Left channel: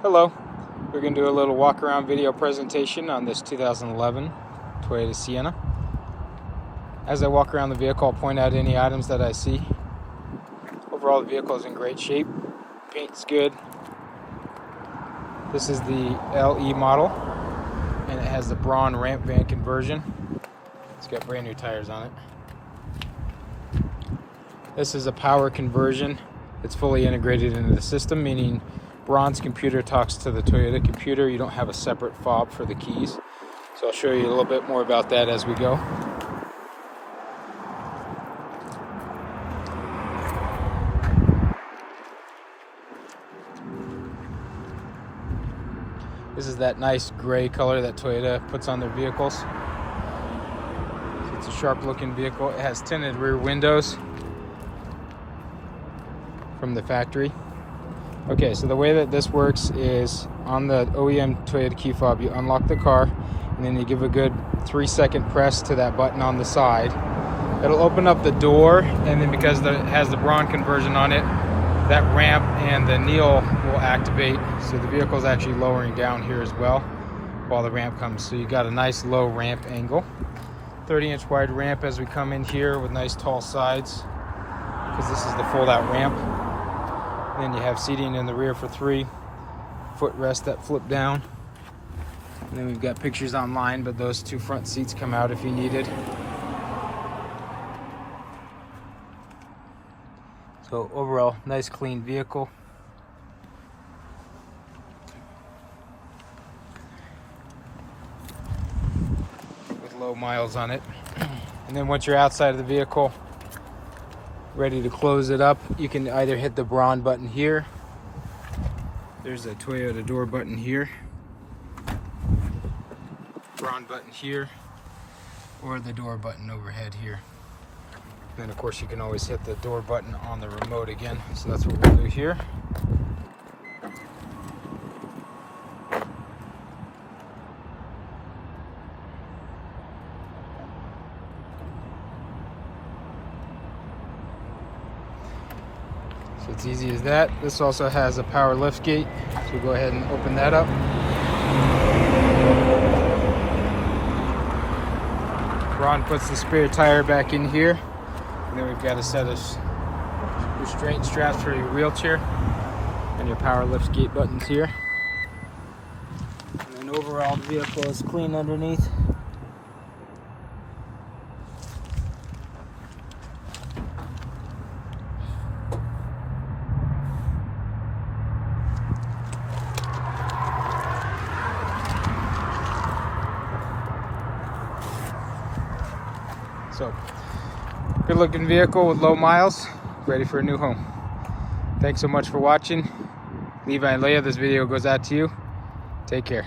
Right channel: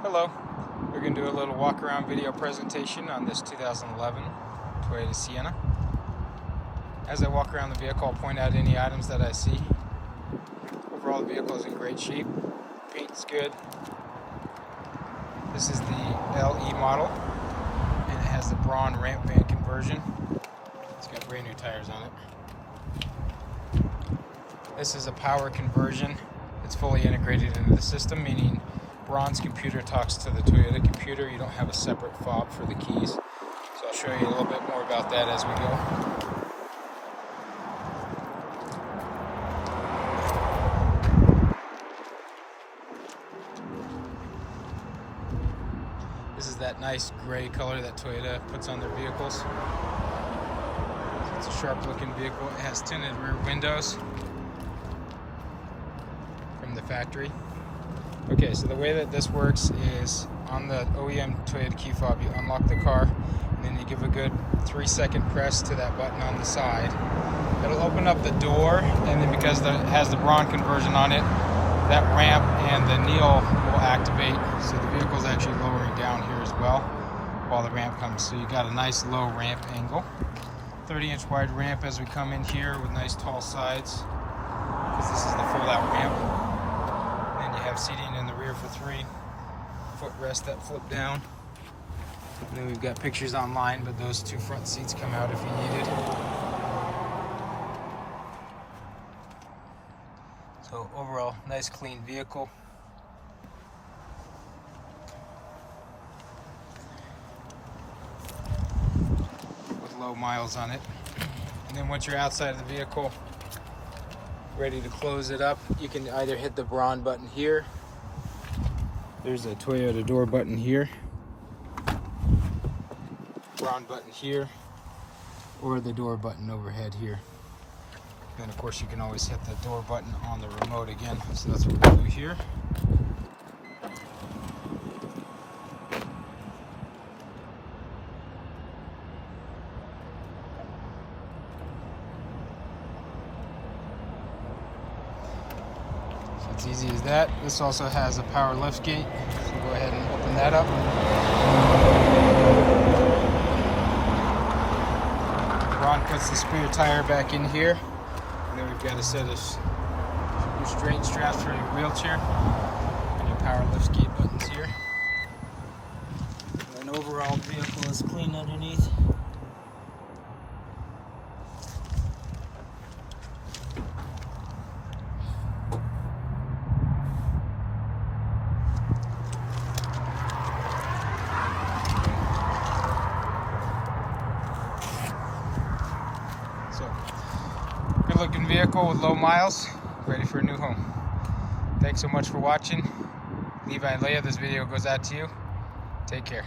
Hello, we're going to do a little walk around video presentation on this 2011 Toyota Sienna. As I walk around the vehicle, I'll point out any items that I see. Overall, the vehicle is in great shape. Paint's good. This is the LE model, and it has the Braun Rampvan conversion. It's got brand new tires on it. This is a power conversion. It's fully integrated into the system, meaning Braun's computer talks to the Toyota computer. You don't have a separate fob for the keys. So I'll show you a little bit more about that as we go. This is that nice gray color that Toyota puts on their vehicles. It's a sharp looking vehicle. It has tinted rear windows from the factory. Okay, so the way that this works is on the OEM Toyota key fob, you unlock the car and then you give a good 3-second press to that button on the side. It'll open up the door, and then because it has the Braun conversion on it, that ramp and the kneel will activate. So the vehicle's actually lowering down here as well while the ramp comes. So you got a nice low ramp angle. 30-inch wide ramp as we come in here with nice tall sides, because this is the fold-out ramp. Then you have seating in the rear for 3 footrests that flip down. And then we've got pictures online, but those 2 front seats come out if you needed. So overall, nice clean vehicle. With low miles on it. And then once you're outside of the vehicle, ready to close it up, you can either hit the Braun button here. There's a Toyota door button here. Braun button here. Or the door button overhead here. And of course you can always hit the door button on the remote again. So that's what we'll do here. So it's easy as that. This also has a power lift gate. So we'll go ahead and open that up. Braun puts the spare tire back in here. And then we've got a set of restraint straps for your wheelchair and your power lift gate buttons here. And then overall the vehicle is clean underneath. So, good looking vehicle with low miles, ready for a new home. Thanks so much for watching. Levi and Leah, this video goes out to you. Take care.